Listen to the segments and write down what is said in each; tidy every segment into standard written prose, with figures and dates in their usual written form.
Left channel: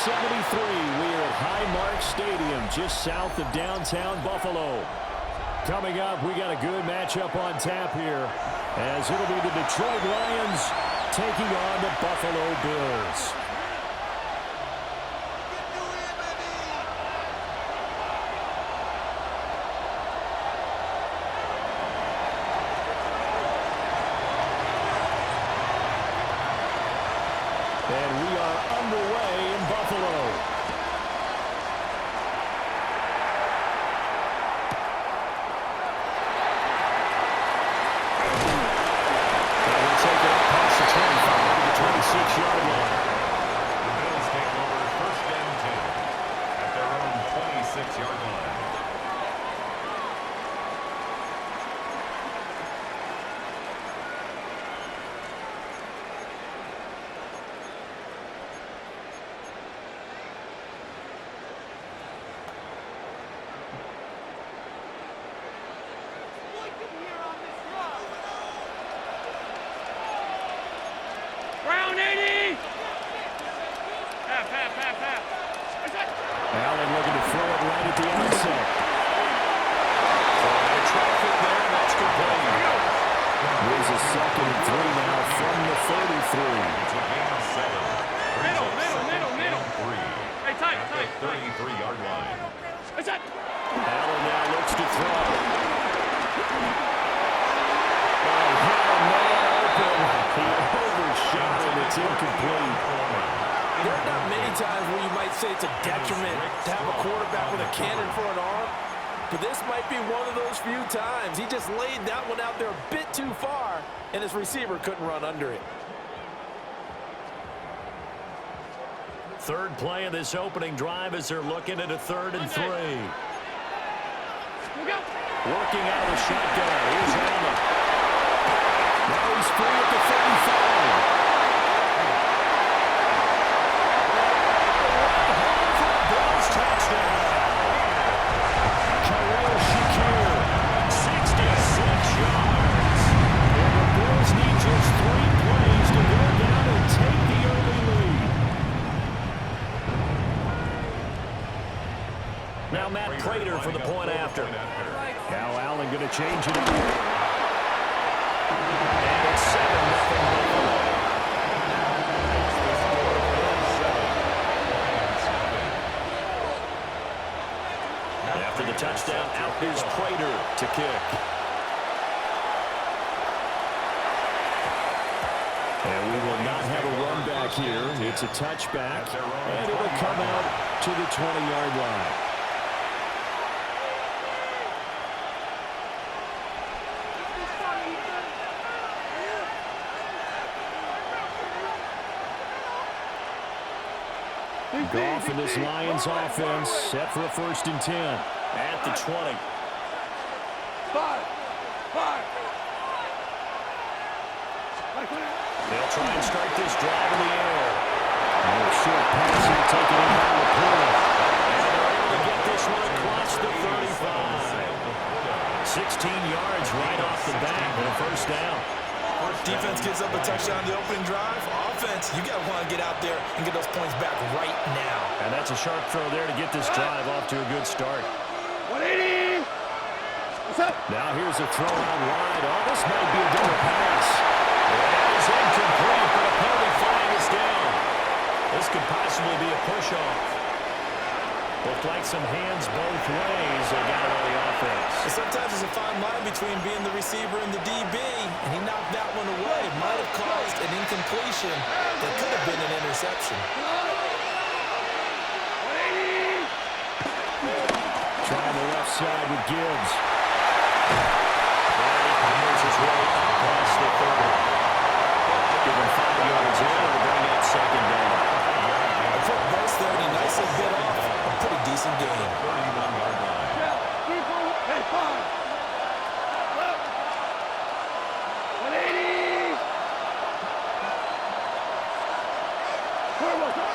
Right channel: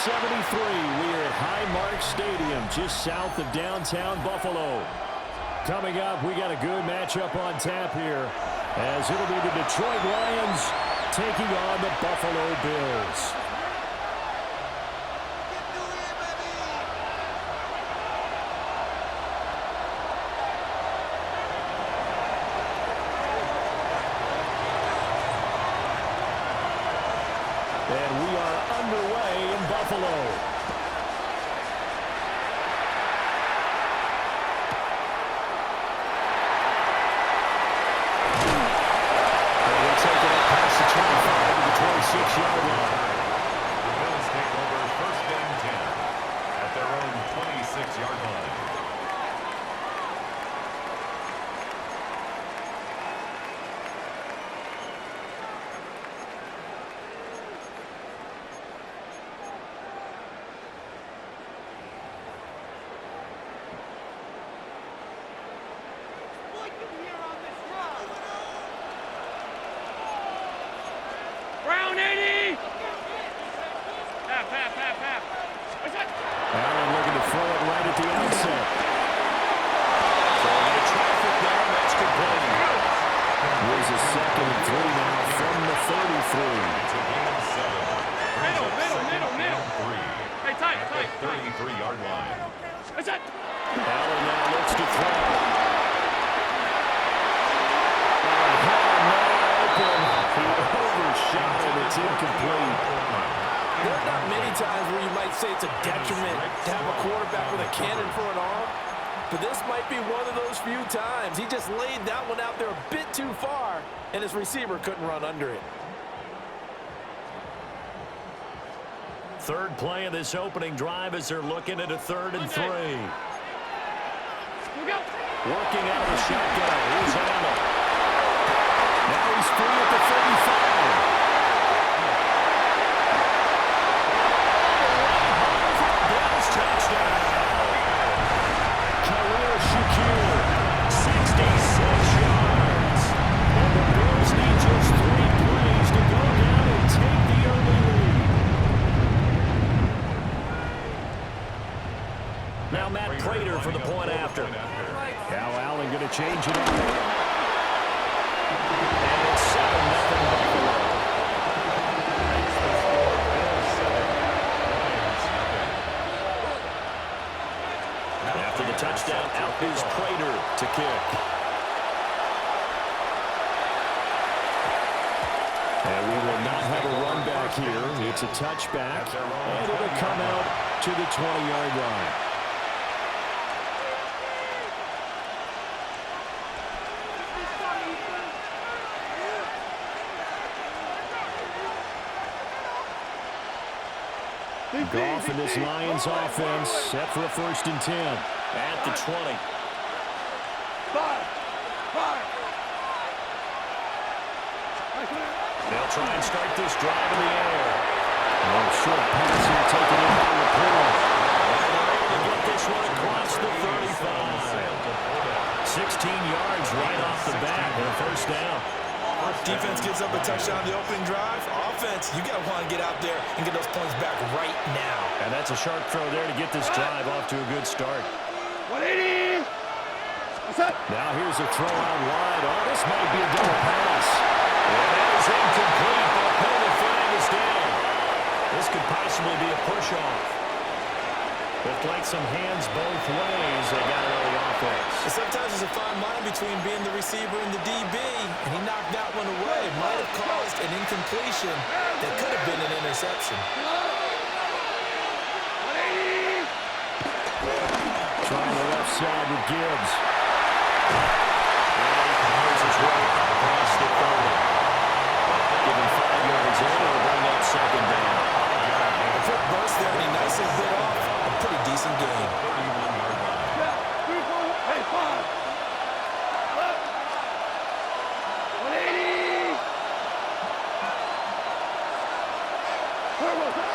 73. We're at Highmark Stadium, just south of downtown Buffalo. Coming up, we got a good matchup on tap here, as it'll be the Detroit Lions taking on the Buffalo Bills. And we are underway in Buffalo. And we'll take it up past the 25 to the 26-yard line. The Bills take over 1st and 10 at their own 26-yard line. Allen looking to throw it right at the outset. Throwing into traffic there, and that's complete. Here's a 2nd and 3 now from the 33. It's a gain of 7. Middle. Hey, tight. At the 33-yard line. Allen now looks to throw. Oh, he had a man open. He overshot him. It's incomplete. There are not many times where you might say it's a detriment to have a quarterback with a cannon for an arm, but this might be one of those few times. He just laid that one out there a bit too far, and his receiver couldn't run under it. Third play of this opening drive as they're looking at a 3rd and 3. Working out of the shotgun. Here's Allen. Now he's free at the 35. Touchdown. Khalil Shakir, 66 yards. And the Bills need just 3 plays to go down and take the early lead. Now Matt Prater for the point after. Now Allen going to change it up. And it's 7-0 Buffalo. Makes the score Bills 7, Lions nothing. After the touchdown, out is Prater to kick. And we will not have a run back here. It's a touchback, and it'll come out to the 20-yard line. Goff and this Lions offense set for a 1st and 10 at the 20. They'll try and start this drive in the air. Short pass here taken in by Laporte. And they're able to get this one across the 35. 16 yards right off the bat and a 1st down. Defense gives up a touchdown the opening drive. Offense, you got to want to get out there and get those points back right now. And that's a sharp throw there to get this drive off to a good start. 180. Now here's a throw out wide. Oh, this might be a double pass. And that is incomplete, but a penalty flag is down. This could possibly be a push-off. Looked like some hands both ways. They got it on the offense. And sometimes there's a fine line between being the receiver and the DB, and he knocked that one away. Might have caused an incompletion that could have been an interception. 180. Trying the left side with Gibbs. And he powers his way up past the 30. Give him 5 yards in. It'll bring up 2nd down. A quick burst there, and he nicely bit off a pretty decent game. 31-yard line. Hey, 5. 180.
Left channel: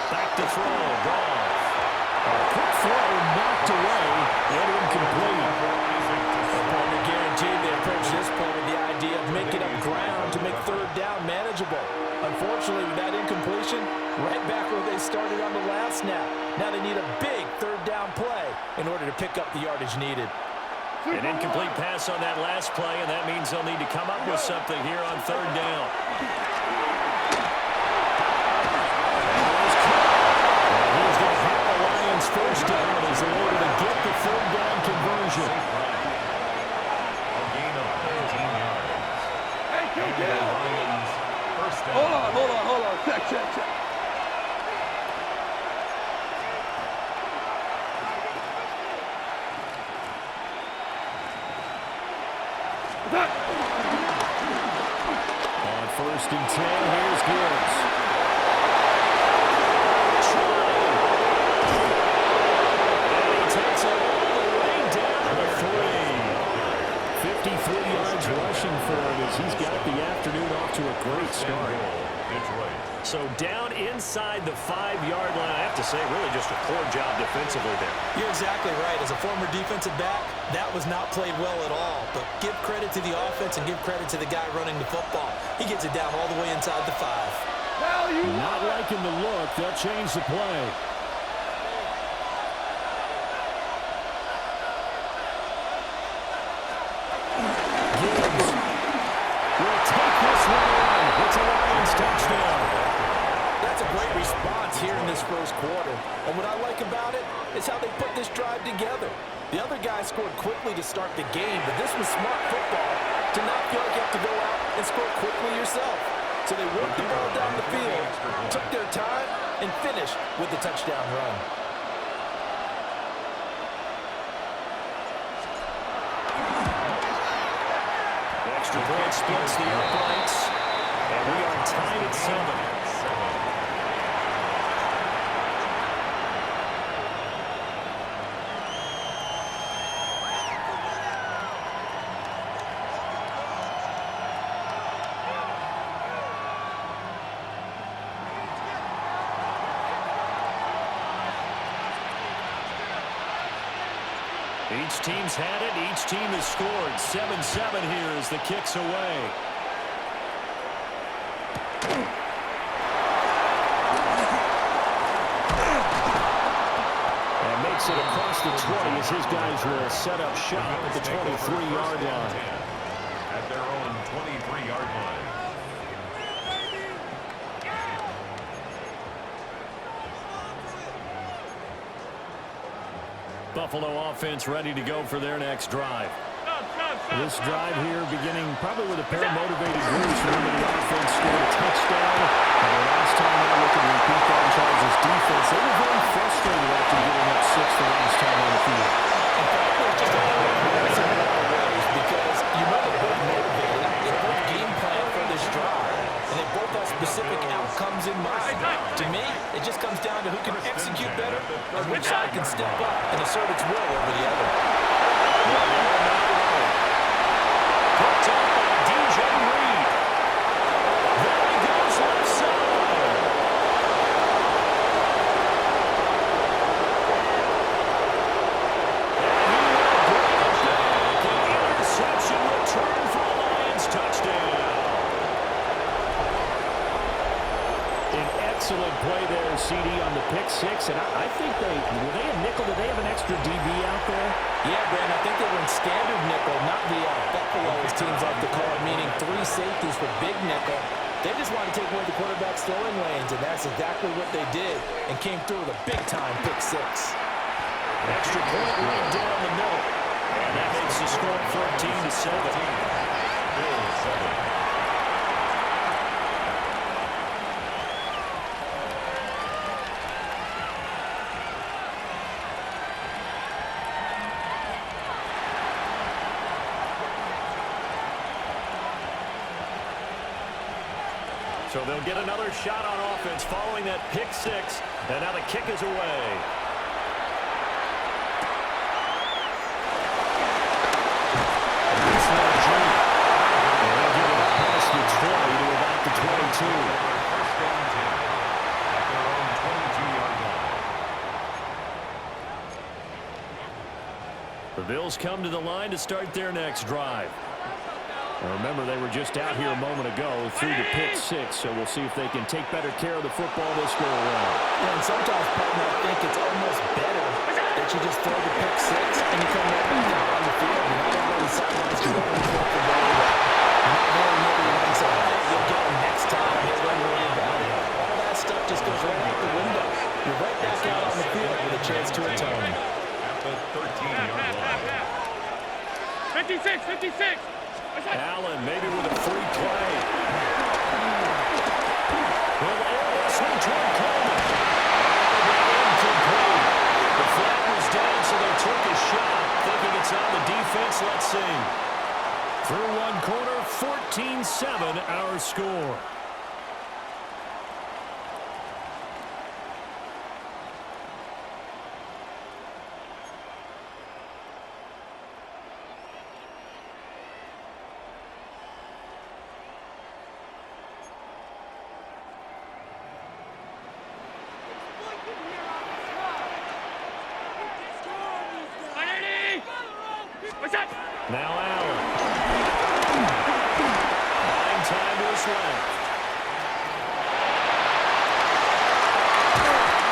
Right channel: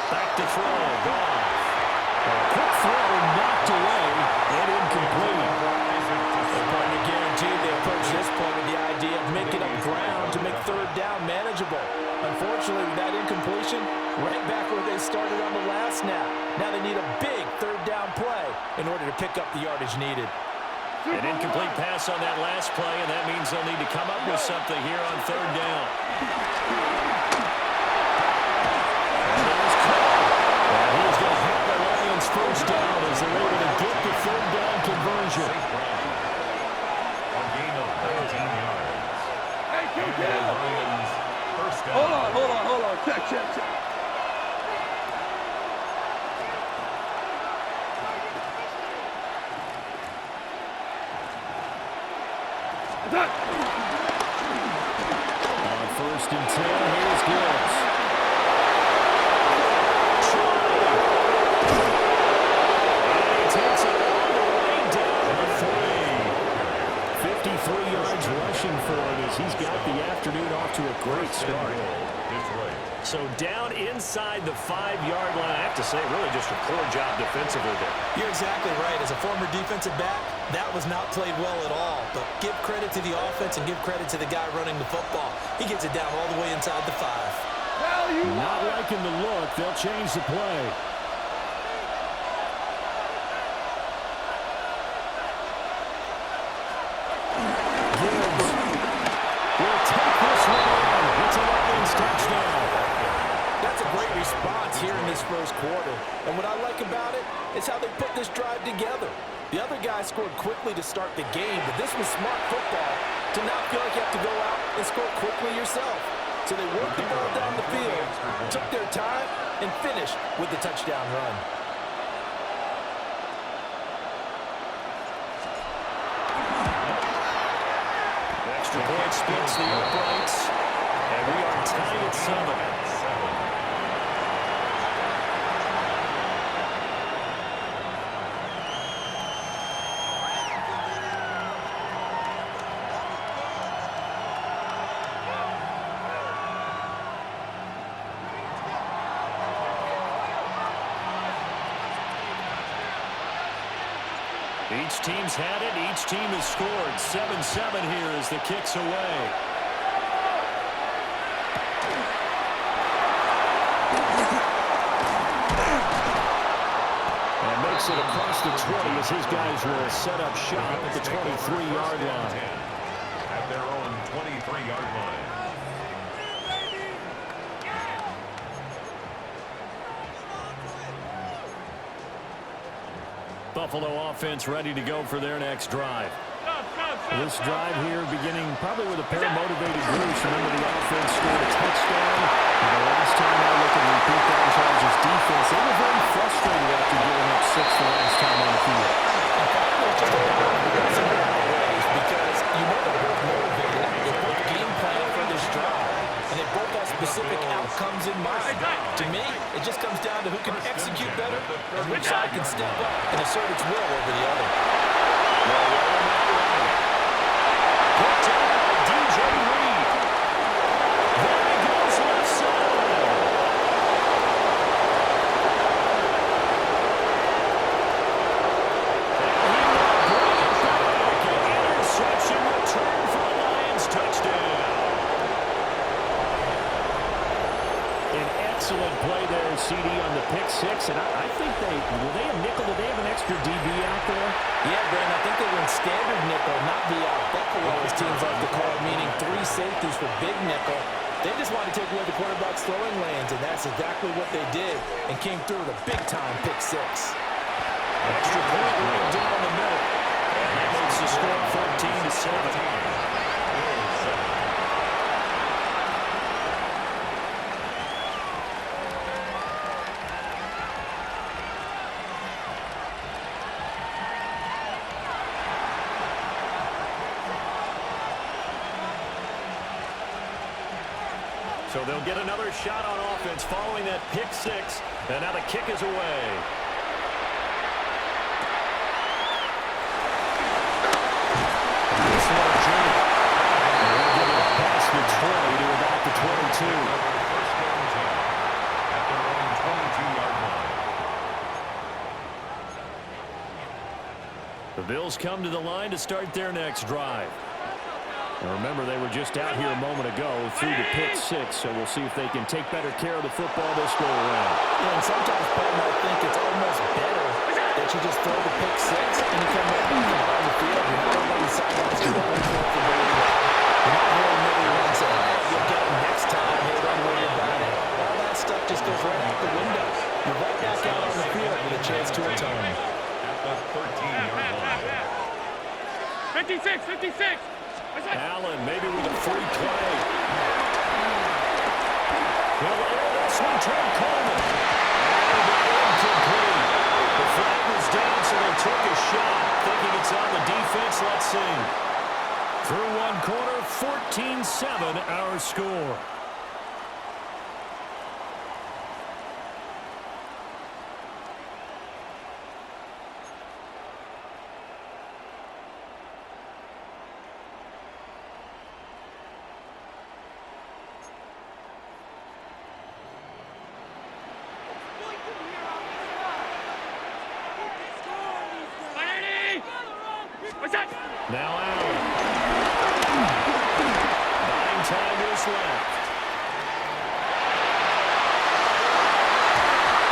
Back to throw. Goff. Quick throw knocked away and incomplete. Partner guaranteed they approach this point with the idea of making up ground to make third down manageable. Unfortunately, with that incompletion, right back where they started on the last snap. Now they need a big third down play in order to pick up the yardage needed. An incomplete pass on that last play, and that means they'll need to come up with something here on third down. And there's Cole. And he's going to have the Lions first down as they're able to get the third down conversion. A gain of 19 yards. Hey, kill. Lions first down. Hold on. Check. Attack. On 1st and 10, here's Gibbs. And he takes it all the way down to the 3. 53 yards rushing for him as he's got the afternoon off to a great start. Detroit. So down inside the 5-yard line. I have to say, really just a poor job defensively there. You're exactly right. As a former defensive back, that was not played well at all. But give credit to the offense and give credit to the guy running the football. He gets it down all the way inside the 5. Hell, you Not liking the look. They'll change the play. Gibbs will take this one in. It's a Lions touchdown. That's a great response here in this first quarter. And what I like about it is how they put this drive together. The other guy scored quickly to start the game, but this was smart football to not feel like you have to go out and score quickly yourself. So they worked the ball down the field, took their time, and finished with the touchdown run. Extra point splits the uprights, and we are tied at 7. Each team's had it. Each team has scored. 7-7 here as the kick's away. And makes it across the 20 as his guys will set up shop at the 23-yard line. At their own 23-yard line. Buffalo offense ready to go for their next drive. This drive here beginning probably with a pair of motivated groups. Remember, the offense scored a touchdown. And the last time I look and repeat that Chargers defense, they were very frustrated after giving up 6 the last time on the field. In fact, there's just a balance in a lot of ways because you know they're both motivated. They both game plan for this drive. And they both have specific outcomes in mind. To me, it just comes down to who can execute better and which side can step up and assert its will over the other. Picked up by DJ Reed. There he goes left side. And he will bring it back. An interception return for a Lions touchdown. An excellent play there, CD, on the pick 6. And I think were they a nickel? Did they have an extra DB out there? Yeah, Brandon, I think they were in standard nickel, not the Buffalo, as teams like to call it, meaning 3 safeties for big nickel. They just wanted to take away the quarterback's throwing lanes, and that's exactly what they did and came through with a big-time pick 6. Extra point right down the middle. And that makes the score 14-7. Bills 7. So they'll get another shot on offense following that pick 6. And now the kick is away. Nice little juke. And they'll get it up past the 20 to about the 22. First and 10 at their own 22-yard line. The Bills come to the line to start their next drive. And remember, they were just out here a moment ago through the pick six, so we'll see if they can take better care of the football this go-around. Yeah, and sometimes, partner, I think it's almost better that you just throw the pick six and you come right back out on the field. You're not over on the sidelines. You're going for it very well. You're not hearing everyone say, hey, you'll get them next time. Hey, don't worry about it. All that stuff just goes right out the window. You're right back out on the field with a chance to atone. At the 13-yard line. 56, 56. Allen maybe with a free play. He'll air this one toward Coleman. And it'll be incomplete. The flag was down, so they took a shot. Thinking it's on the defense. Let's see. Through one quarter, 14-7 our score. Now Allen. Buying time to his left.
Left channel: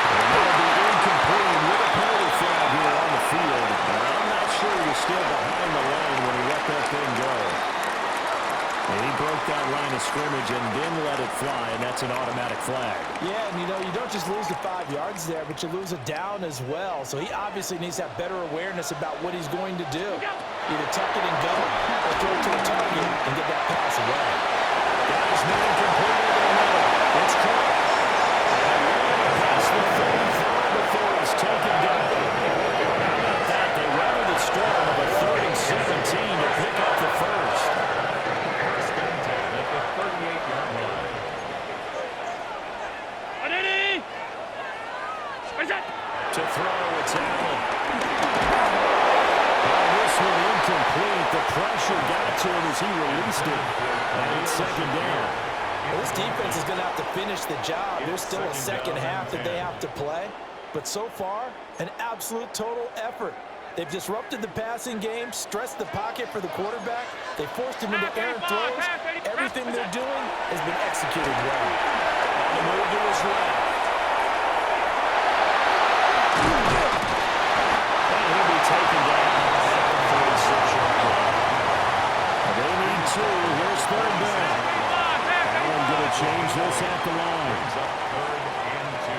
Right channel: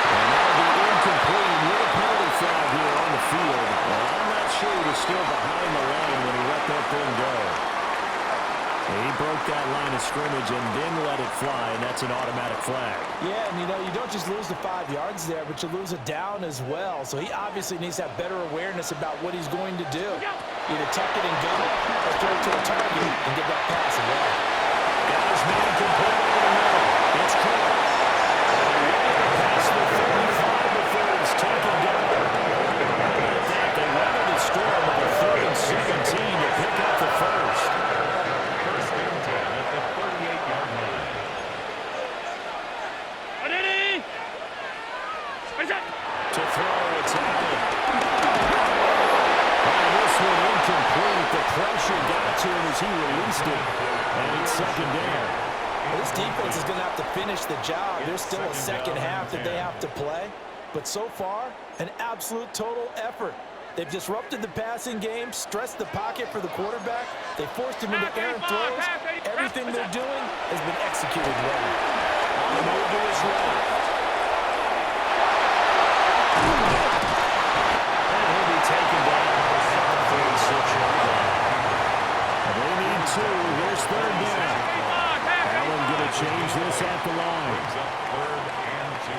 And that'll be incomplete with a penalty flag here on the field. And I'm not sure he was still behind the line when he let that thing go. And he broke that line of scrimmage and then let it fly, and that's an automatic flag. Yeah, and you don't just lose the 5 yards there, but you lose it down as well. So he obviously needs to have better awareness about what he's going to do. Either tuck it and go or throw it to a target and get that pass away. Got his man complete over the middle. It's Cook. And way past the 35 before he's taken down. How about that? They weather the storm of a 3rd and 17 to pick up the first. First and 10 at the 38-yard line. To throw, it's Allen. This one incomplete. The pressure got to him as he released it. And it's 2nd down. Well, this defense is going to have to finish the job. There's still a second half that they have to play. But so far, an absolute total effort. They've disrupted the passing game, stressed the pocket for the quarterback. They forced him into errant throws. Everything they're doing has been executed well. On the move to his left. And he'll be taken down at the 36-yard line. They need 2. Here's 3rd down. Allen going to change this at the line. Brings up 3rd and 2.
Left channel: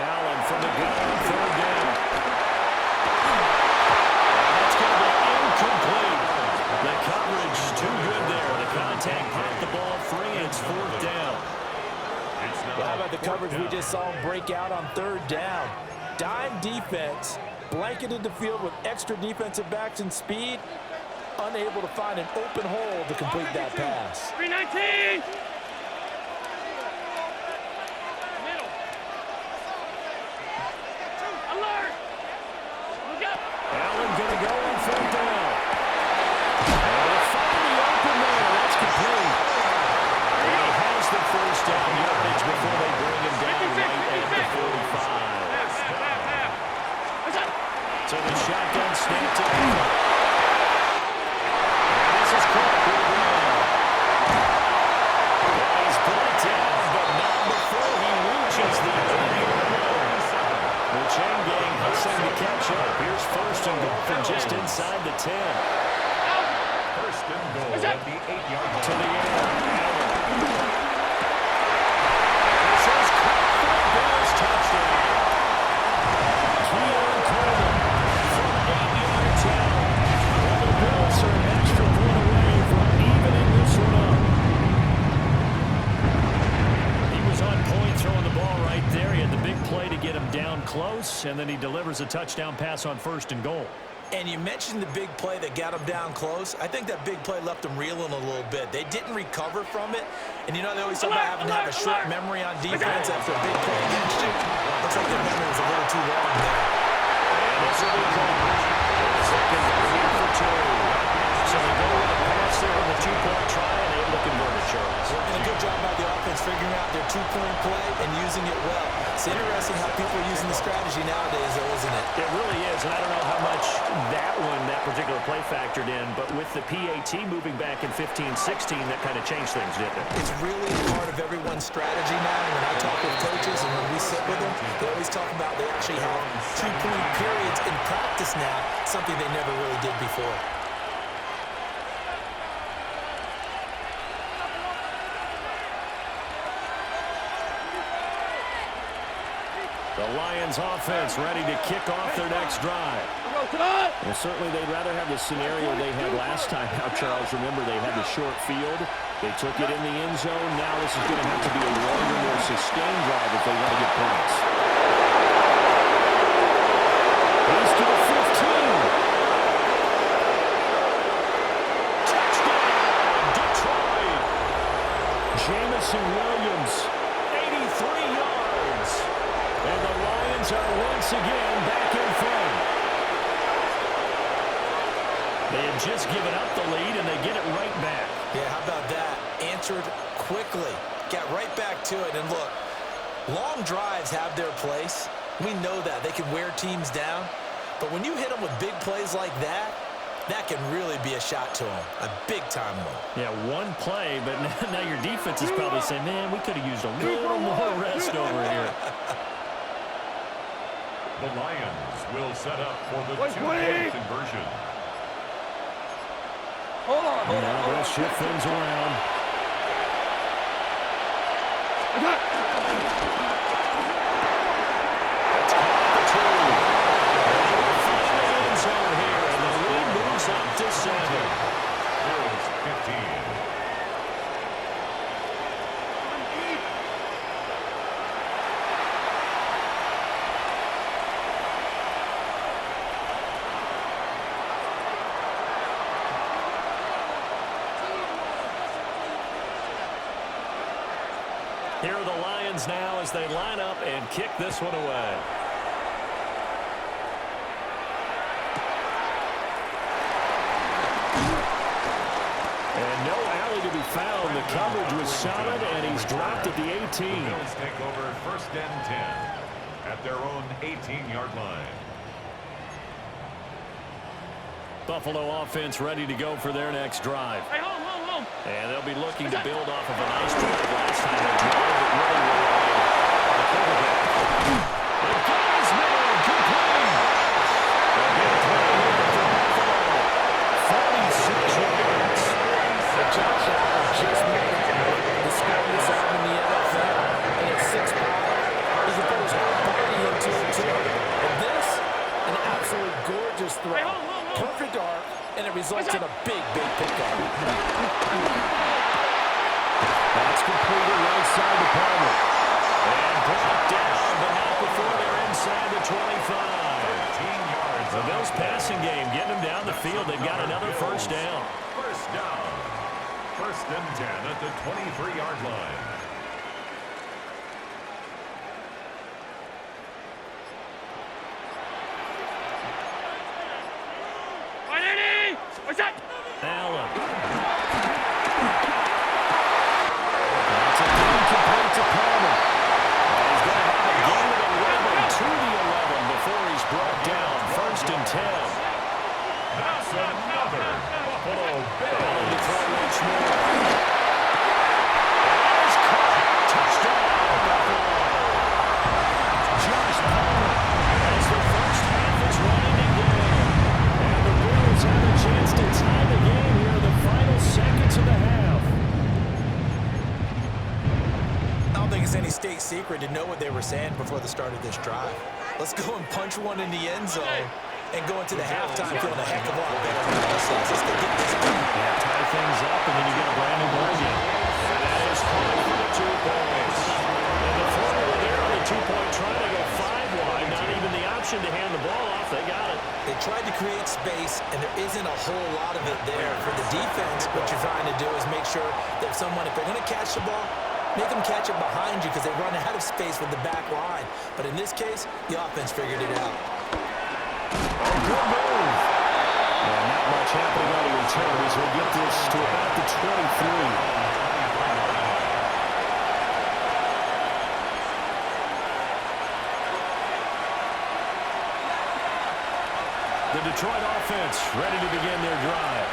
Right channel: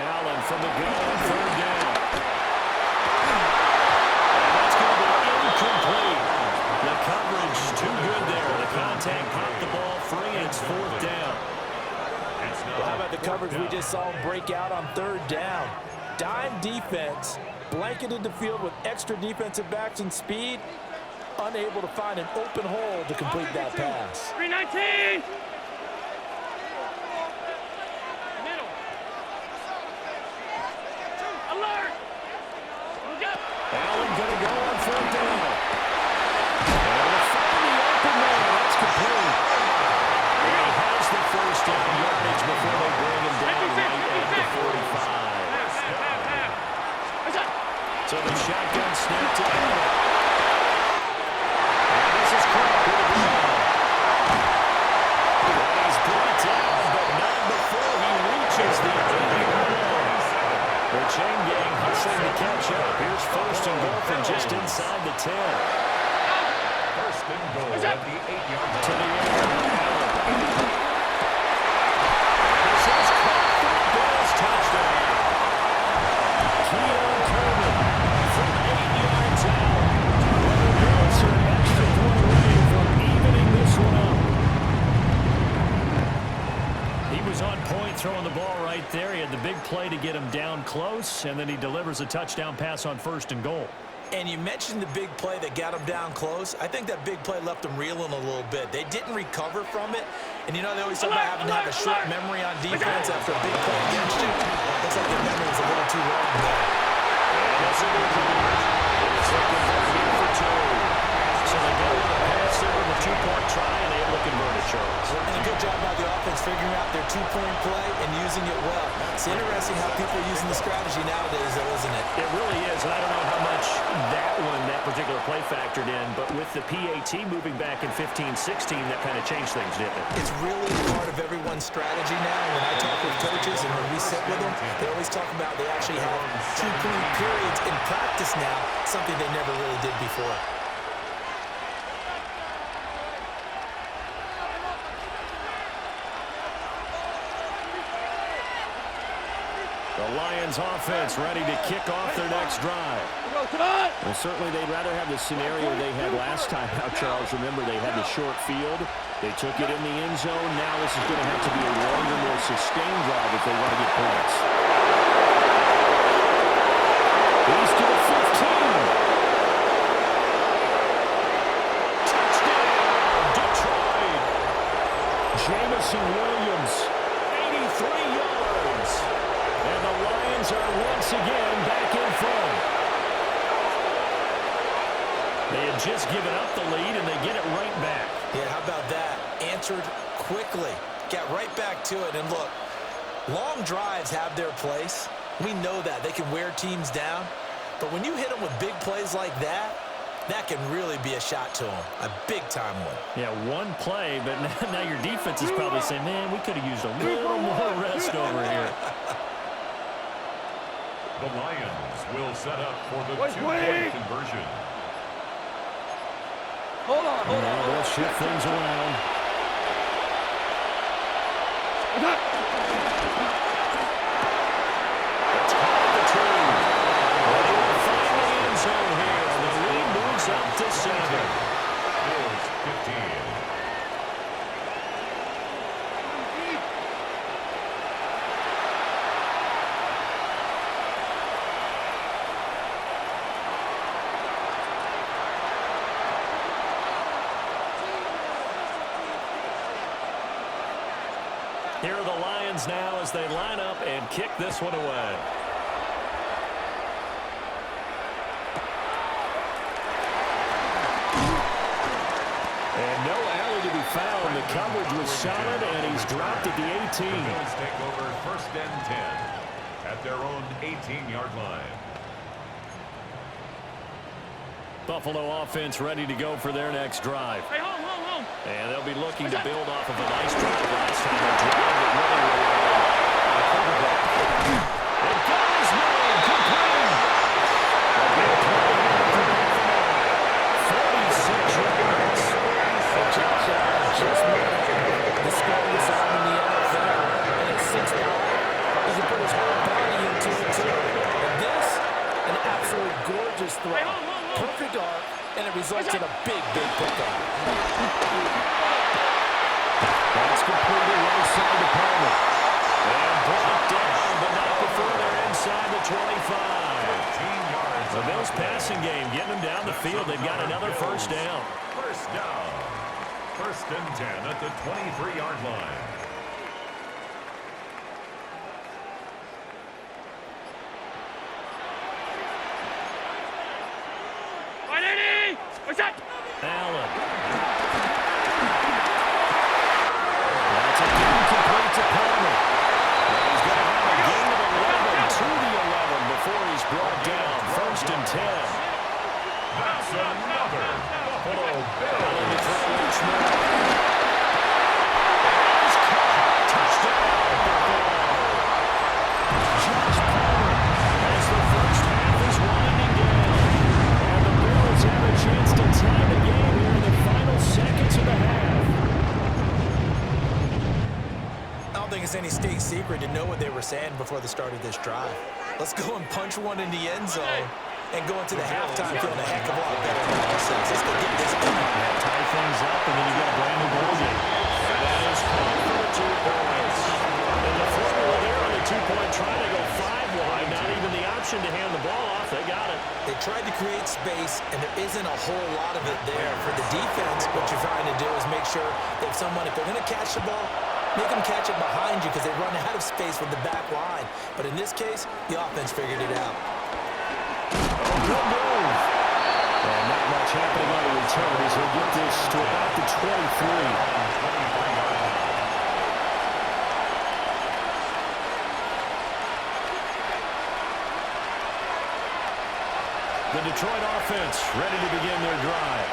Allen from the gun on 3rd down. And that's going to be incomplete. The coverage too good there. The contact popped the ball free, and it's 4th down. Well, how about the coverage we just saw him break out on 3rd down? Dime defense, blanketed the field with extra defensive backs and speed, unable to find an open hole to complete that pass. 319. Alert. Allen going to go on 4th down. And to find the open man. That's complete. And he has the first down yardage before they bring him down right at the 45. So the shotgun snap to Allen. And this is Cook to the ground. Well, he's brought down, but not before he reaches the 8-yard line. The chain gang hustling to catch up. Here's 1st and goal from just inside the 10. 1st and goal at the 8-yard line. To the air, Allen. And this is caught for a Bills touchdown. Keon Coleman from 8 yards out. And the Bills are an extra point away from evening this one up. He was on point throwing the ball right there. He had the big play to get him down close, and then he delivers a touchdown pass on 1st and goal. And you mentioned the big play that got him down close. I think that big play left him reeling a little bit. They didn't recover from it. And you know, they always talk about having to have a short memory on defense after a big play against you. Looks like their memory was a little too long there. And this will be called. It's 2nd down here for 2. So they go with a pass there on the two-point try, and able to convert it, Charles. And a good job by the offense figuring out their two-point play and using it well. It's interesting how people are using the strategy nowadays, though, isn't it? It really is, and I don't know how much that particular play factored in, but with the PAT moving back in 15-16, that kind of changed things, didn't it? It's really part of everyone's strategy now. When I talk with coaches and when we sit with them, they always talk about they actually have two-point periods in practice now, something they never really did before. The Lions offense ready to kick off their next drive. Well, certainly they'd rather have the scenario they had last time out, Charles. Remember, they had the short field. They took it in the end zone. Now this is going to have to be a longer, more sustained drive if they want to get points. He's to the 15. Touchdown, Detroit. Jamison Williams, 83 yards. And the Lions are once again back in front. They had just given up the lead, and they get it right back. Yeah, how about that? Answered quickly. Got right back to it. And look, long drives have their place. We know that. They can wear teams down. But when you hit them with big plays like that, that can really be a shot to them. A big-time one. Yeah, one play, but now your defense is probably saying, man, we could have used a little more rest over here. The Lions will set up for the two-point conversion. Hold on. Now they'll shift things around. That's caught at the 2. And he will find the end zone here, and the lead moves up to 7. Bills 15. Here are the Lions now as they line up and kick this one away. And no alley to be found. The coverage was solid, and he's dropped at the 18. The Bills take over 1st and 10 at their own 18-yard line. Buffalo offense ready to go for their next drive. Hey, home. And they'll be looking to build off of a nice drive last time. A drive that really relied on the quarterback. They got his man complete. A big play here for Buffalo. 46 yards. And Josh Allen just might have the strongest arm in the NFL. And at 6'5", he can put his whole body into it, too. And this, an absolute gorgeous throw. Perfect arc, and it results in a big pickup. That's completed right side to Palmer. And brought down, but not before they're inside the 25. 15 yards. The Bills passing game, getting them down the field. They've got another first down. First down. 1st and 10 at the 23-yard line. Allen. That's a incomplete to Palmer. And he's going to have a gain of 11 to the 11 before he's brought down. 1st and 10. That's another Buffalo Bills. Allen to throw once more. And it's caught. Touchdown, Buffalo. Josh Palmer as the first half is winding down. And the Bills have a chance to tie the game here in the final seconds of the half. I don't think it's any state secret to know what they were saying before the start of this drive. Let's go and punch one in the end zone and go into the halftime feeling a heck of a lot better about ourselves. Let's go get this done. Yeah, tie things up, and then you get a brand new ball game. And that is caught for the 2 points. And the formula there on the 2-point try to go 5 wide. Not even the option to hand the ball off. They got it. They tried to create space, and there isn't a whole lot of it there. For the defense, what you're trying to do is make sure that if they're going to catch the ball, make them catch it behind you because they run out of space with the back line. But in this case, the offense figured it out. Oh, good move. And not much happening on the return as he'll get this to about the 23. The Detroit offense ready to begin their drive.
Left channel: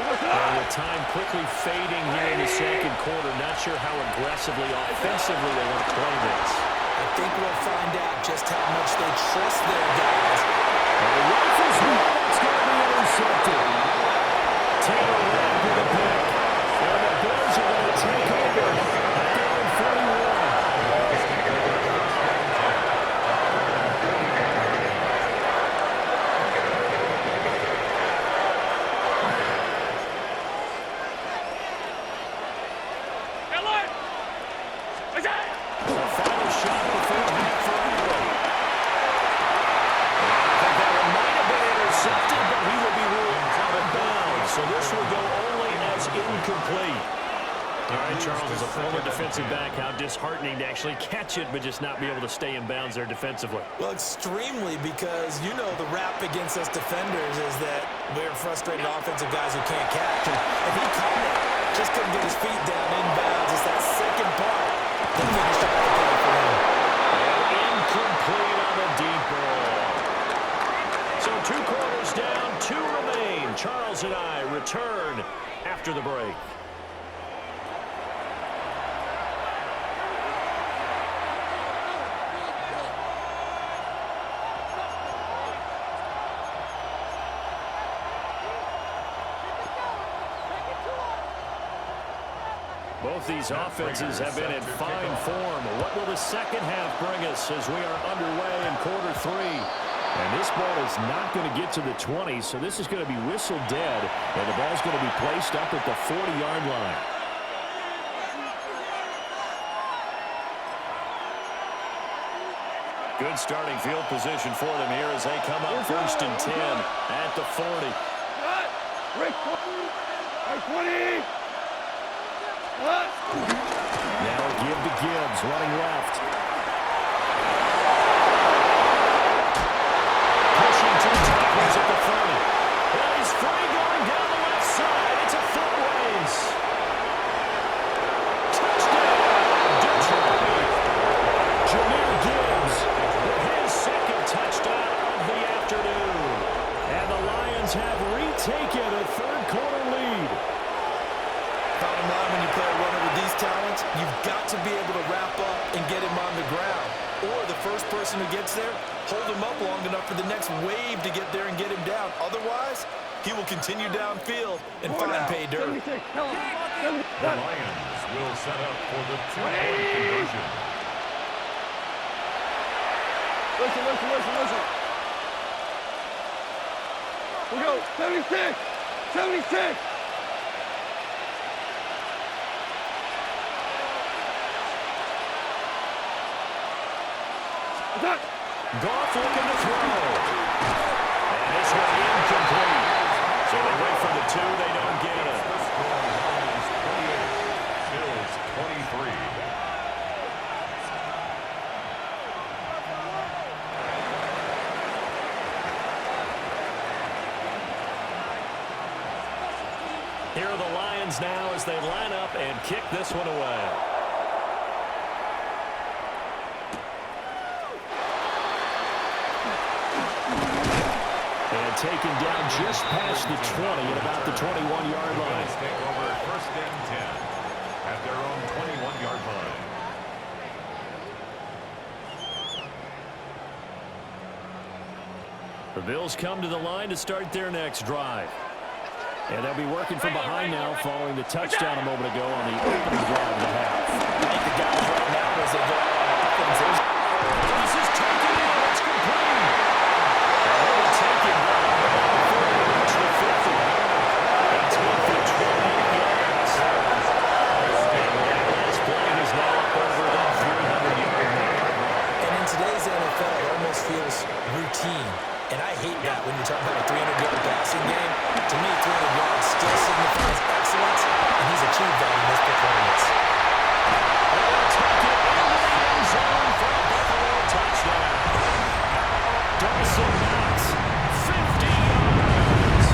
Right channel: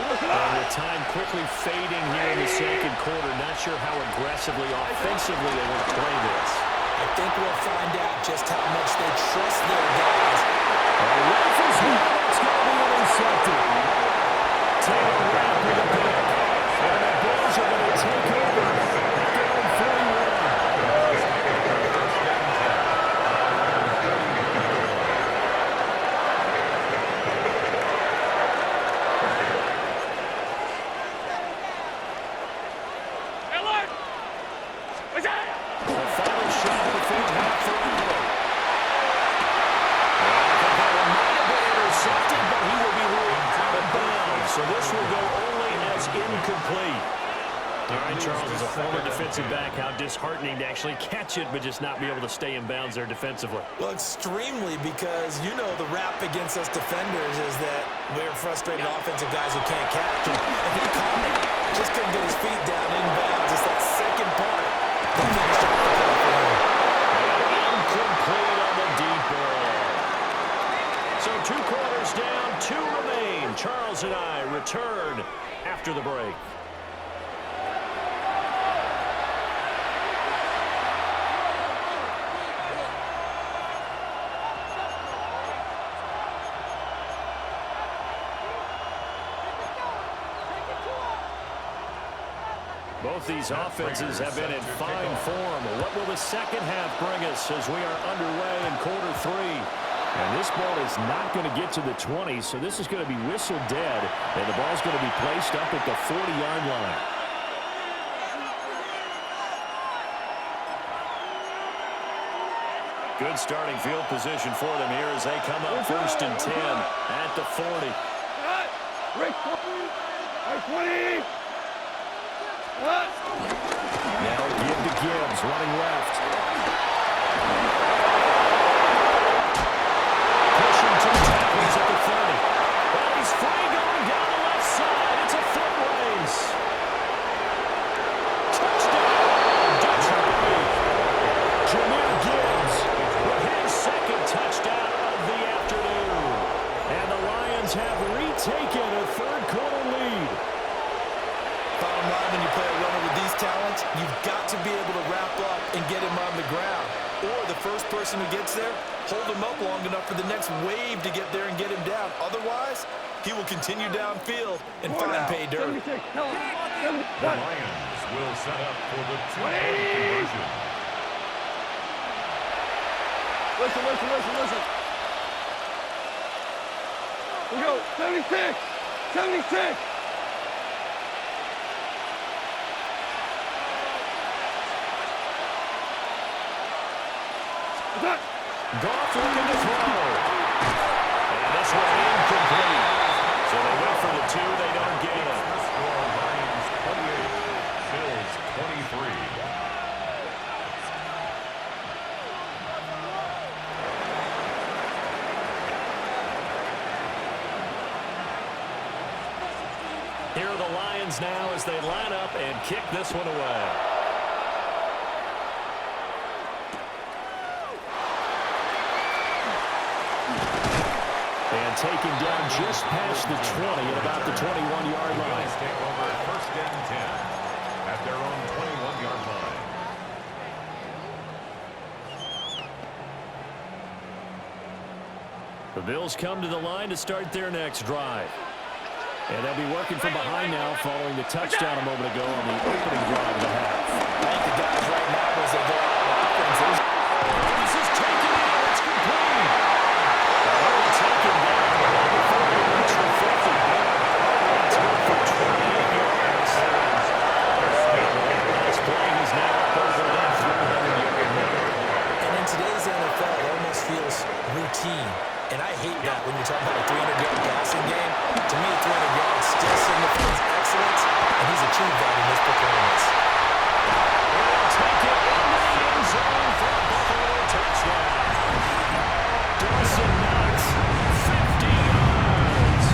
And with time quickly fading here in the second quarter, not sure how aggressively, offensively they want to play this. I think we'll find out just how much they trust their guys. Rifles one, that's going to be intercepted. Taylor Rapp with a pick. And the Bills are going to take over at their own 41. So this will go only as incomplete. All right, Charles, as a former defensive back, how disheartening to actually catch it, but just not be able to stay in bounds there defensively. Well, extremely, because you know the rap against us defenders is that we're frustrated offensive guys who can't catch. And he caught it. Just couldn't get his feet down in bounds. It's that second part that finished off the play for him. And incomplete on the deep ball. So 2 quarters down, 2 remain. Charles and I return after the break. Both these offenses have been in fine form. What will the second half bring us as we are underway in quarter 3? And this ball is not going to get to the 20, so this is going to be whistled dead, and the ball's going to be placed up at the 40-yard line. Good starting field position for them here as they come up 1st and 10 at the 40. Rick, 20. Now give to Gibbs, running left. Pushing 2 tackles at the 30. And he's free going down the left side. It's a foot race. Touchdown, Detroit. Jahmyr Gibbs with his 2nd touchdown of the afternoon. And the Lions have retaken a 3rd quarter lead. Bottom line, when you play a runner with these talents, you've got to be able to wrap up and get him on the ground. Or the first person who gets there, hold him up long enough for the next wave to get there and get him down. Otherwise, he will continue downfield and find pay dirt. The Lions will set up for the 2-point conversion. Listen. We go, 76. Goff looking to throw. And this one incomplete. So they went for the 2. They don't get it. The score, Lions 28, Bills 23. Here are the Lions now as they line up and kick this one away. And taken down just past the 20 at about the 21-yard line. Bills take over 1st and 10 at their own 21-yard line. The Bills come to the line to start their next drive. And they'll be working from behind now following the touchdown a moment ago on the opening drive of the half. I think the guys right now, as they go out on offense, this is taken in. It's complete. And he'll be taken down before they reach the 50. That's good for 28 yards. And that last play is now up over that 300-yard mark. And in today's NFL, it almost feels routine. And I hate that when you're talking about a 300-yard passing game. To me, 300 yards still signifies excellence, and he's achieved that in this performance. And they'll take it into the end zone for a Buffalo touchdown. Dawson Knox, 50 yards.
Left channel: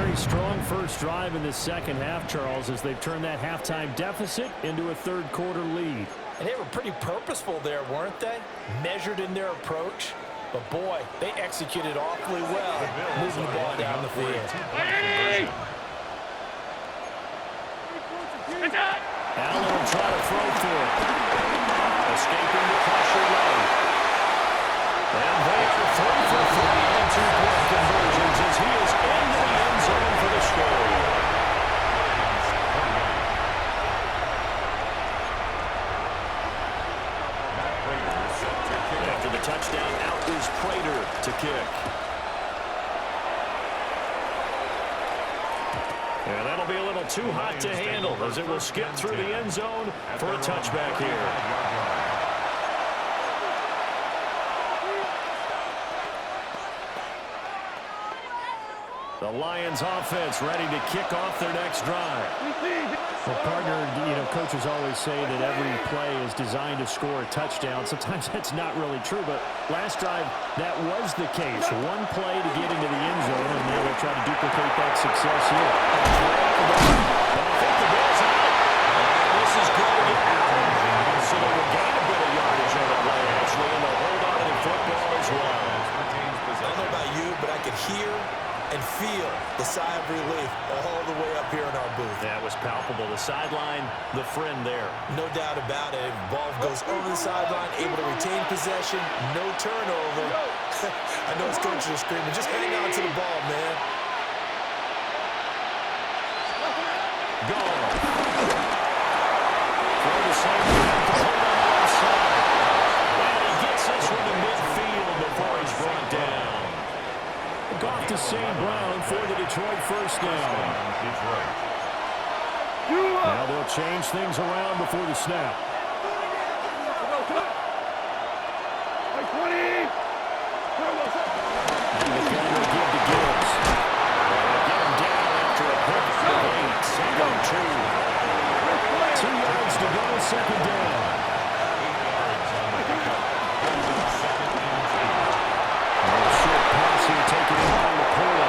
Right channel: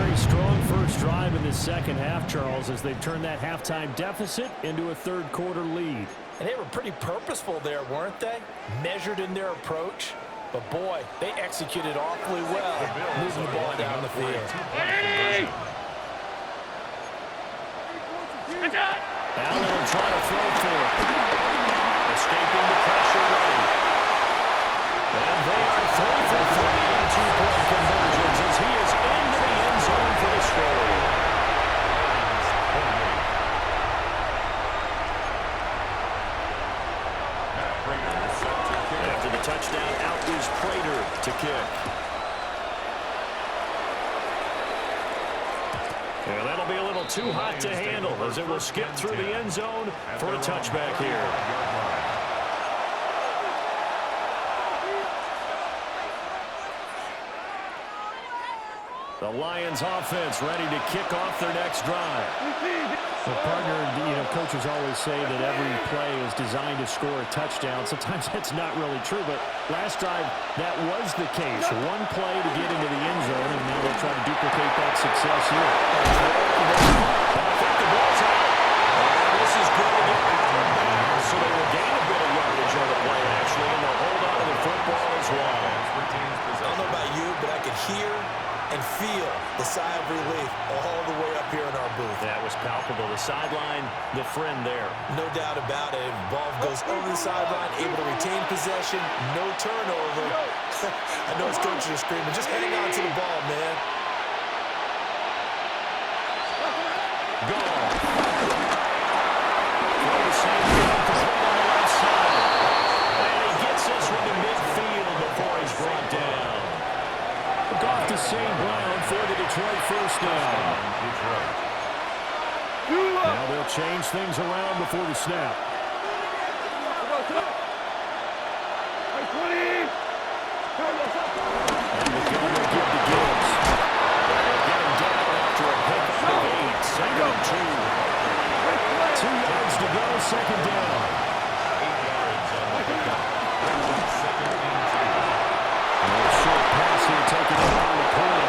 very strong first drive in this second half, Charles, as they've turned that halftime deficit into a third-quarter lead. And they were pretty purposeful there, weren't they? Measured in their approach. But, boy, they executed awfully well, moving the ball down the field. Allen will try to throw for it. Escaping the pressure lane. And they are 3 for 3 on two-point conversions as he is into the end zone for the score. After the touchdown, out is Prater to kick. And that'll be a little too hot to handle as it will skip through the end zone for a touchback here. The Lions offense ready to kick off their next drive. Well, partner, coaches always say that every play is designed to score a touchdown. Sometimes that's not really true, but last drive, that was the case. One play to get into the end zone, and now they'll try to duplicate that success here. And I think the ball's out. And this is going to get out of bounds, so they will gain a bit of yardage on the play, actually, and they'll hold on to the football as well. I don't know about you, but I could hear and feel the sigh of relief all the way up here in our booth. That was palpable. The sideline, the friend there. No doubt about it. Ball goes over the sideline, able to retain possession, no turnover. I know his coaches are screaming, just hang on to the ball, man. Gone. Throw the same thing, complete on the left side. And he gets this one to midfield before he's brought down. Off to St. Brown for the Detroit first down. Now they'll change things around before the snap. And the gun will give to Gibbs. They'll get him down after a pick of 8. Second and 2. 2 yards to go, second down. 8 yards on the pickup. Second and 2. A short pass here taken in by Laporta.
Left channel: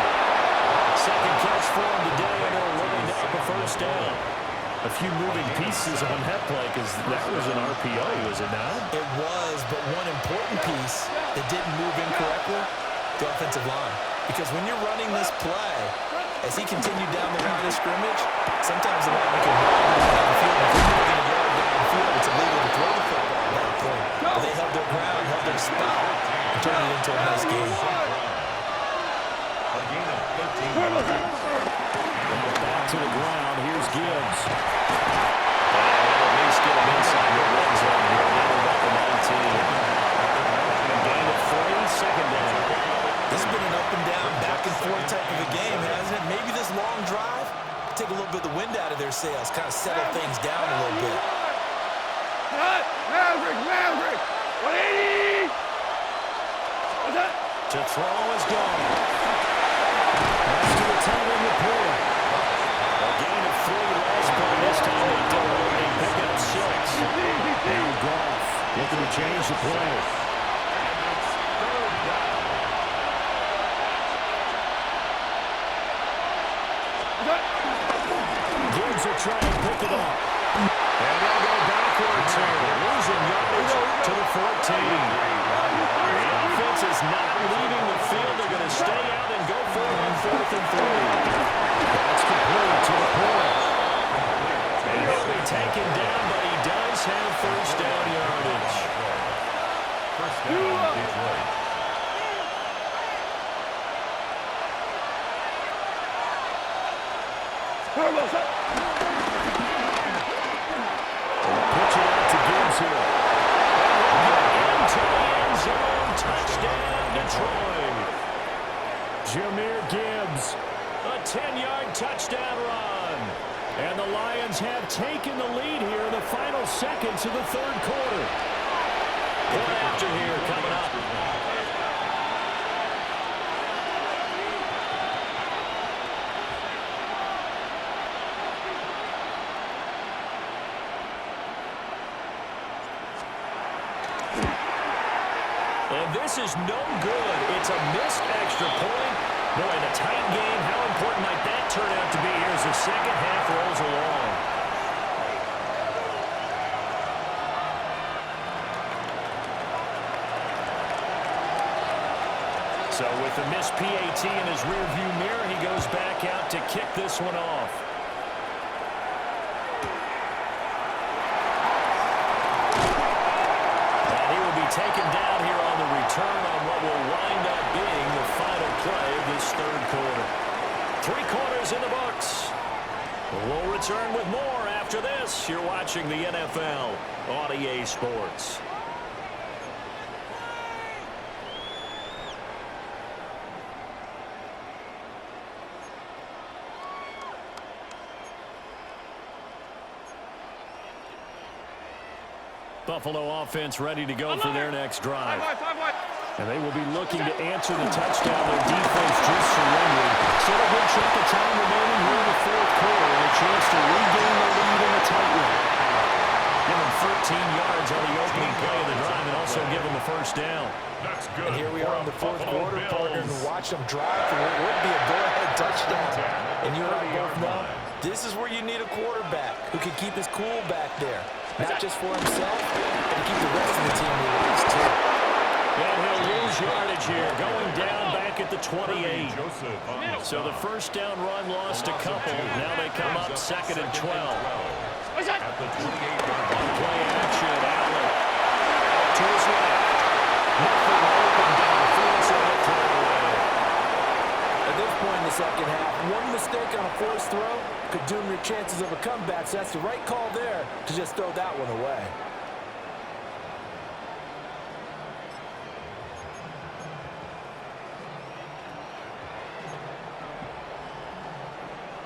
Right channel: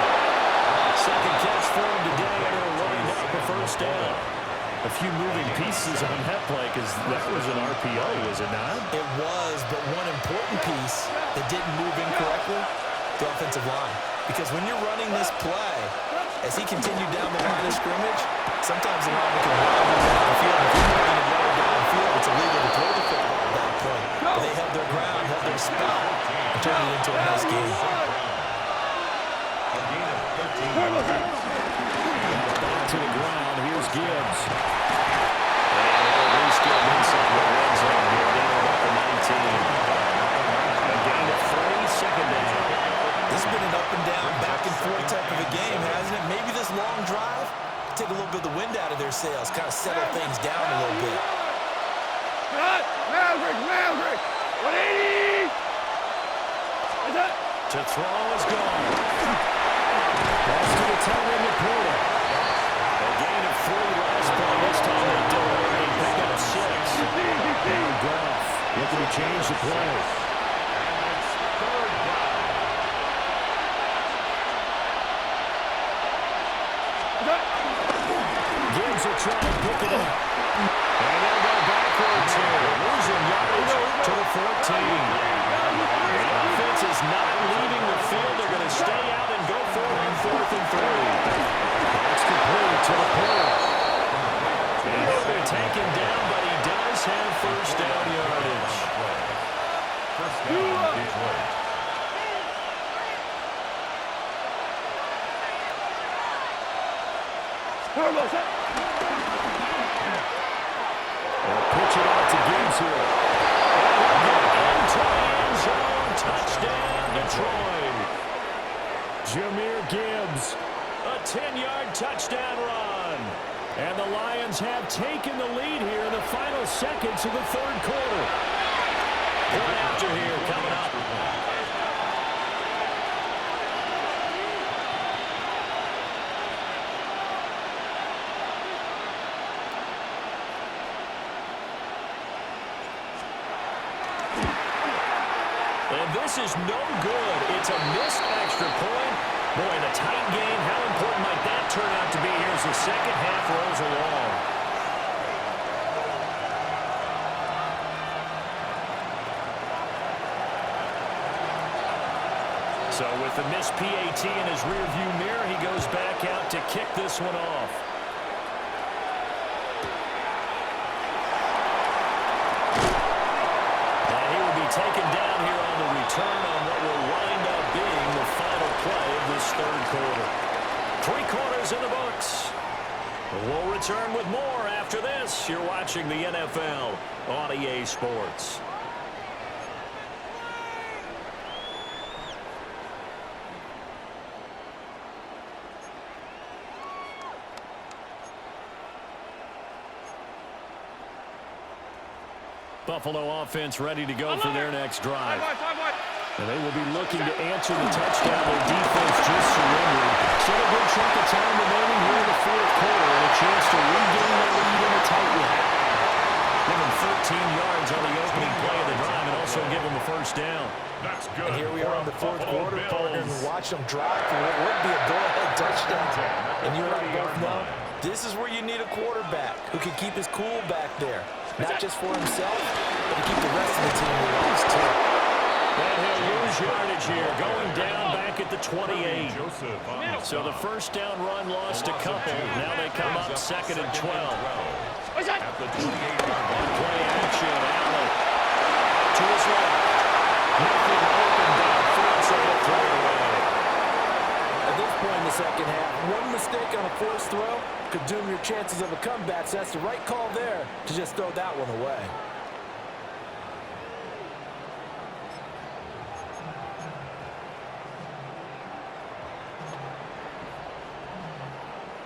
Second catch for him today, and it'll wind up a first down. A few moving pieces on that play because that was an RPO, was it not? It was, but one important piece that didn't move incorrectly, the offensive line. Because when you're running this play, as he continued down the line of scrimmage, sometimes the lineman can run downfield. If you're more than a yard downfield, it's illegal to throw the football at that point. But they held their ground, held their spot, and turned it into a nice game. A gain of 13 yards. Back to the ground. Here's Gibbs. And they'll at least get him inside the red zone here, down about the 19. A gain of 3, second down. This has been an up and down, back and forth type of a game, hasn't it? Maybe this long drive take a little bit of the wind out of their sails, kind of settle things down a little bit. Maverick, 180. What's that? To throw is gone. Pass to the tight end, Laporta. A gain of 3 last play. This time they double. They pick up 6. Now Goff looking to change the play. Gibbs will try and pick it up. And they'll go backwards here. Losing yardage to the 14. The offense is not leaving the field. They're going to stay out and go for it on 4th and 3. That's complete to Laporta. And he'll be taken down, but he does have first down yardage. First down, Detroit. They'll pitch it out to Gibbs here. And he'll get into the end zone. Touchdown, Detroit. Jahmyr Gibbs. A 10-yard touchdown run. And the Lions have taken the lead here in the final seconds of the third quarter. One after here coming up. And this is no good. It's a missed extra point. Boy, the tight game, how important might that turn out to be here as the second half rolls along? So with the missed PAT in his rearview mirror, he goes back out to kick this one off. And he will be taken down here on the return on what will wind up being the final play of this third quarter. 3 quarters in the books. We'll return with more after this. You're watching the NFL on EA Sports. Buffalo offense ready to go for their next drive. And they will be looking to answer the touchdown their defense just surrendered. Still a good chunk of time remaining here in the fourth quarter and a chance to regain the lead in a tight one. Give them 13 yards on the opening play of the drive and also give them a first down. That's good. And here we are in the fourth quarter, partner, and watch them drive for what would be a go-ahead touchdown. And you and I both know this is where you need a quarterback who can keep his cool back there. Not just for himself, but to keep the rest of the team relaxed, too. And he'll lose yardage here, going down back at the 28. So the first down run lost a couple. Now they come up 2nd and 12. At the 28-yard line. Play action, Allen. To his left. Nothing open downfield, so he'll throw it away. At this point in the second half, one mistake on a forced throw could doom your chances of a comeback. So that's the right call there to just throw that one away.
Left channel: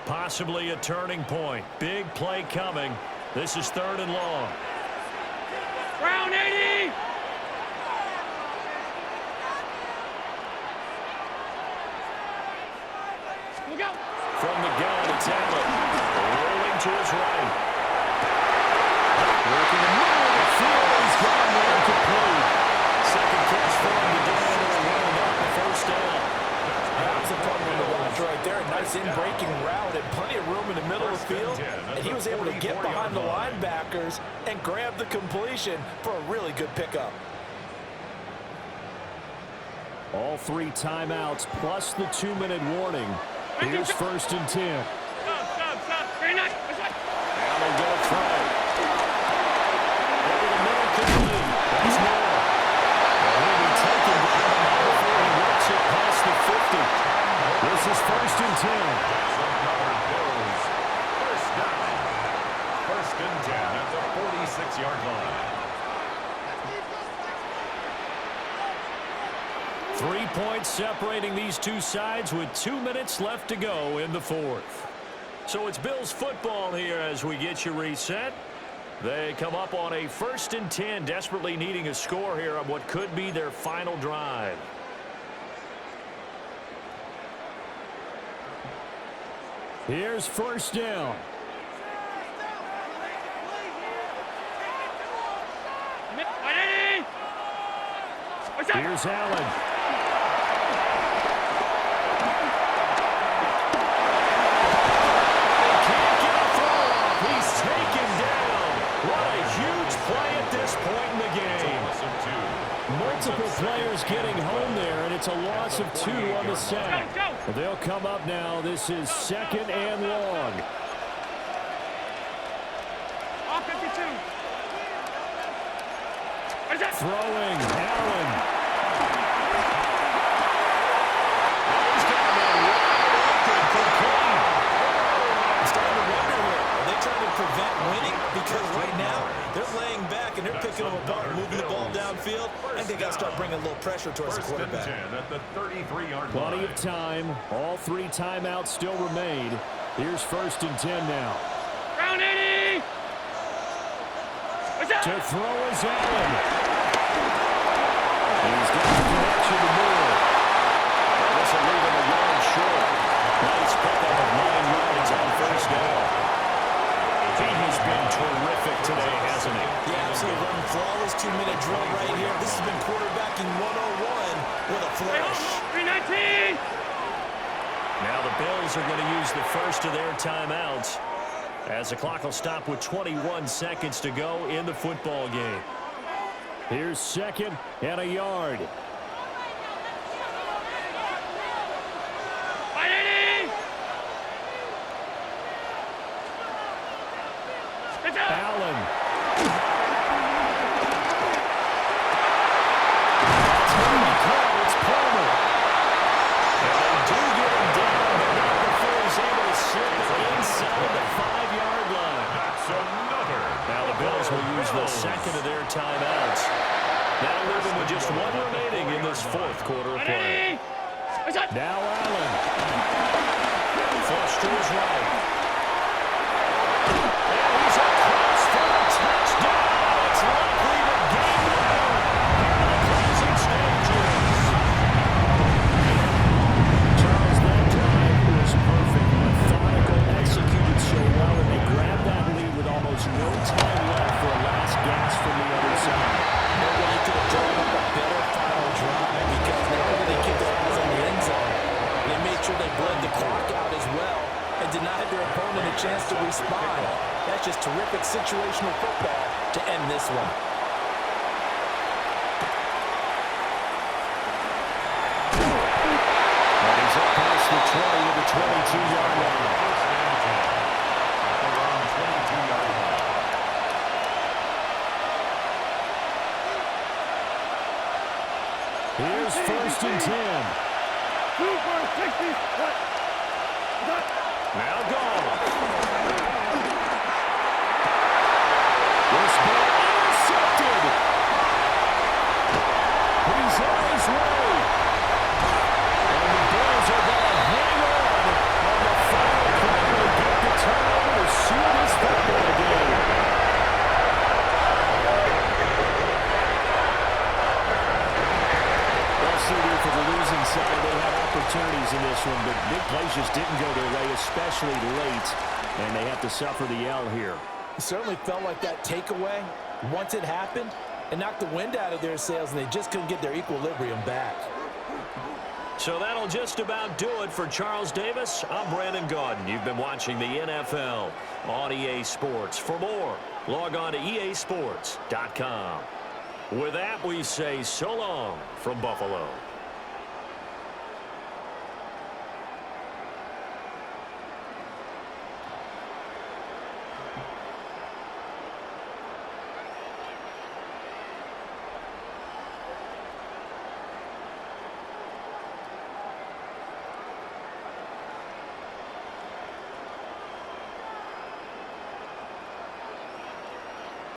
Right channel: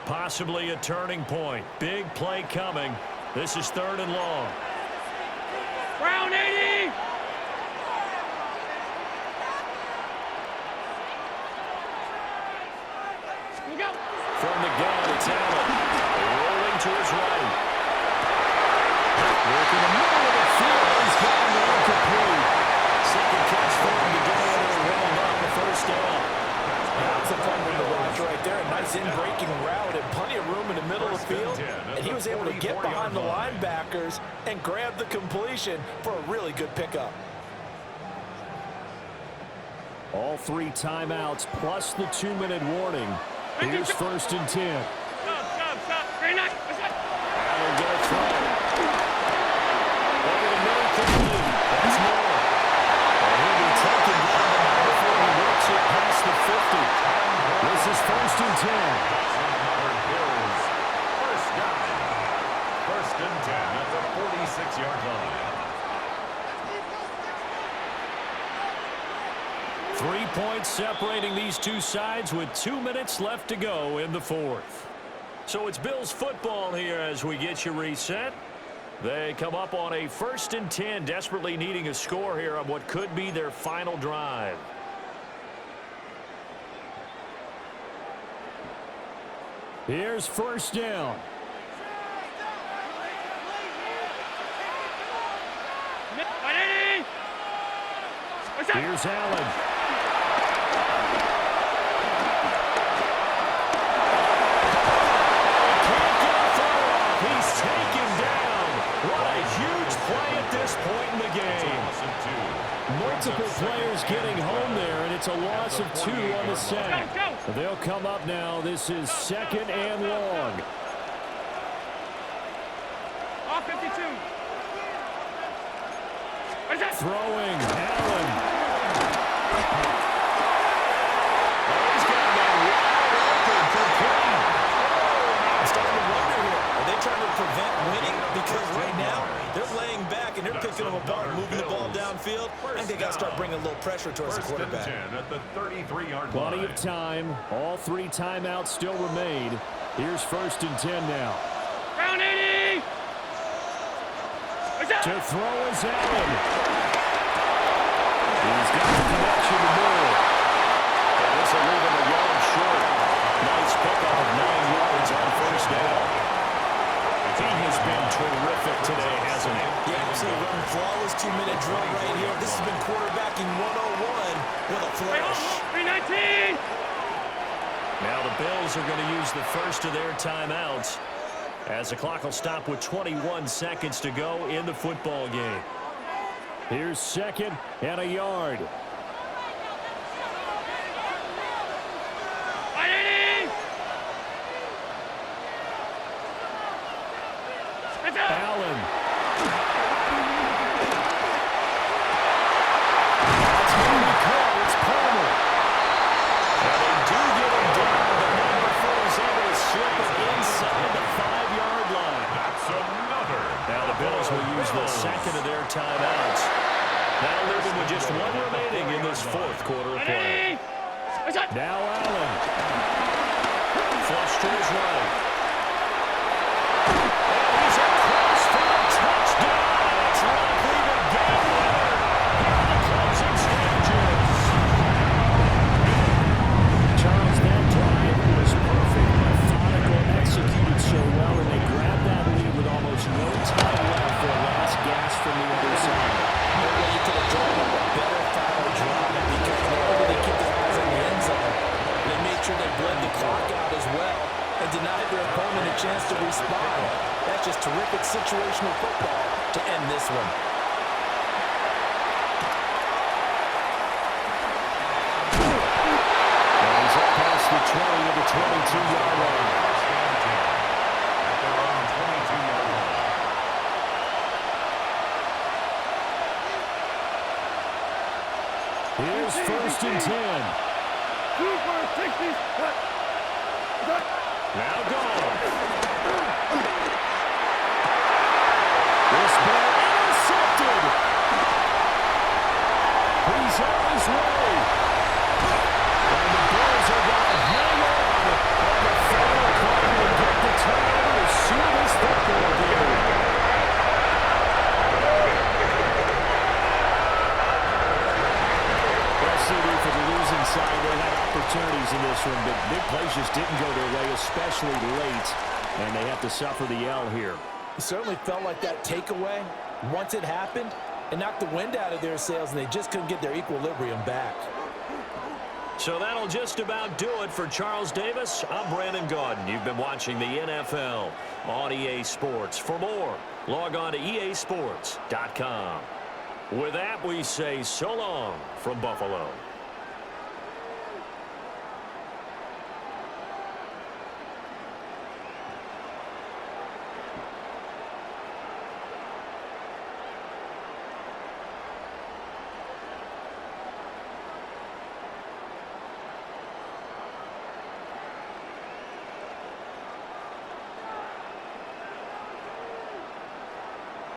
Possibly a turning point. Big play coming. This is 3rd and long. Brown 80! Look out! From the gun, it's Allen. Rolling to his right. Working the middle of the field. He's got him there complete. Second catch for him today, and it'll round up a first down. That was a fun one to watch right there. A nice in-breaking route and plenty of room in the middle of the field. And he was able to get behind the linebackers and grab the completion for a really good pickup. All 3 timeouts plus the 2-minute warning. Here's 1st and 10. Stop. Very nice. Allen gonna throw. Over the middle, complete. That's more. And he'll be taken down the line before he works it past the 50. This is 1st and 10. That's another Bills. First down. 1st and 10 at the 46-yard line. 3 points separating these two sides with 2 minutes left to go in the fourth. So it's Bills football here as we get you reset. They come up on a 1st and 10, desperately needing a score here on what could be their final drive. Here's 1st down. Here's Allen. Point in the game. Multiple players getting home there, and it's a loss of 2 on the sack. They'll come up now. This is 2nd and long. Off 52. Throwing, Allen. He's got a man wide open for clean. I'm starting to wonder here. Are they trying to prevent winning? Because right now, they're laying back and they're picking them apart and moving the ball downfield. I think they got to start bringing a little pressure towards the quarterback. At the 33-yard line. Plenty of time. All 3 timeouts still remain. Here's 1st and 10 now. Brown 80! To throw is Allen. He's got the connection to Moore. And this will leave him a yard short. Nice pickup of 9 yards on 1st down. He has been terrific today, hasn't he? Yeah, absolutely running flawless 2-minute drill right here. This has been quarterbacking 101 with a flourish. 319! Now the Bills are going to use the first of their timeouts as the clock will stop with 21 seconds to go in the football game. Here's 2nd and a yard. Allen. That's going to be caught. It's Palmer. And they do get him down, but not before he's able to slip it inside the 5-yard line. That's another. Now the Bills will use the second of their timeouts. That'll leave them with just one remaining in this 4th quarter of play. Now Allen. Flush to his right. And he's across for the touchdown. It's likely the game winner here in the closing stages. Charles, that drive was perfect, methodical, executed so well, and they grabbed that lead with almost no time left for a last gasp from the other side. No way you could have drawn up a better final drive because not only did they keep their eyes on the end zone, they made sure they bled the clock out as well and denied their opponent a chance to respond. That's just terrific situational football to end this one. And he's up past the 20 to the 22-yard line. First and 10 at their own 22-yard line. Here's 1st and 10. Super 60. Now gone. This ball intercepted. He's on his way. And the Bills are going to hang on the final play to get the turnover to seal this football game. Well, CD, for the losing side, they had opportunities in this one, but big plays just didn't go their way, especially late, and they have to suffer the L here. It certainly felt like that takeaway, once it happened, it knocked the wind out of their sails, and they just couldn't get their equilibrium back. So that'll just about do it for Charles Davis. I'm Brandon Gaudin. You've been watching the NFL on EA Sports. For more, log on to easports.com. With that, we say so long from Buffalo.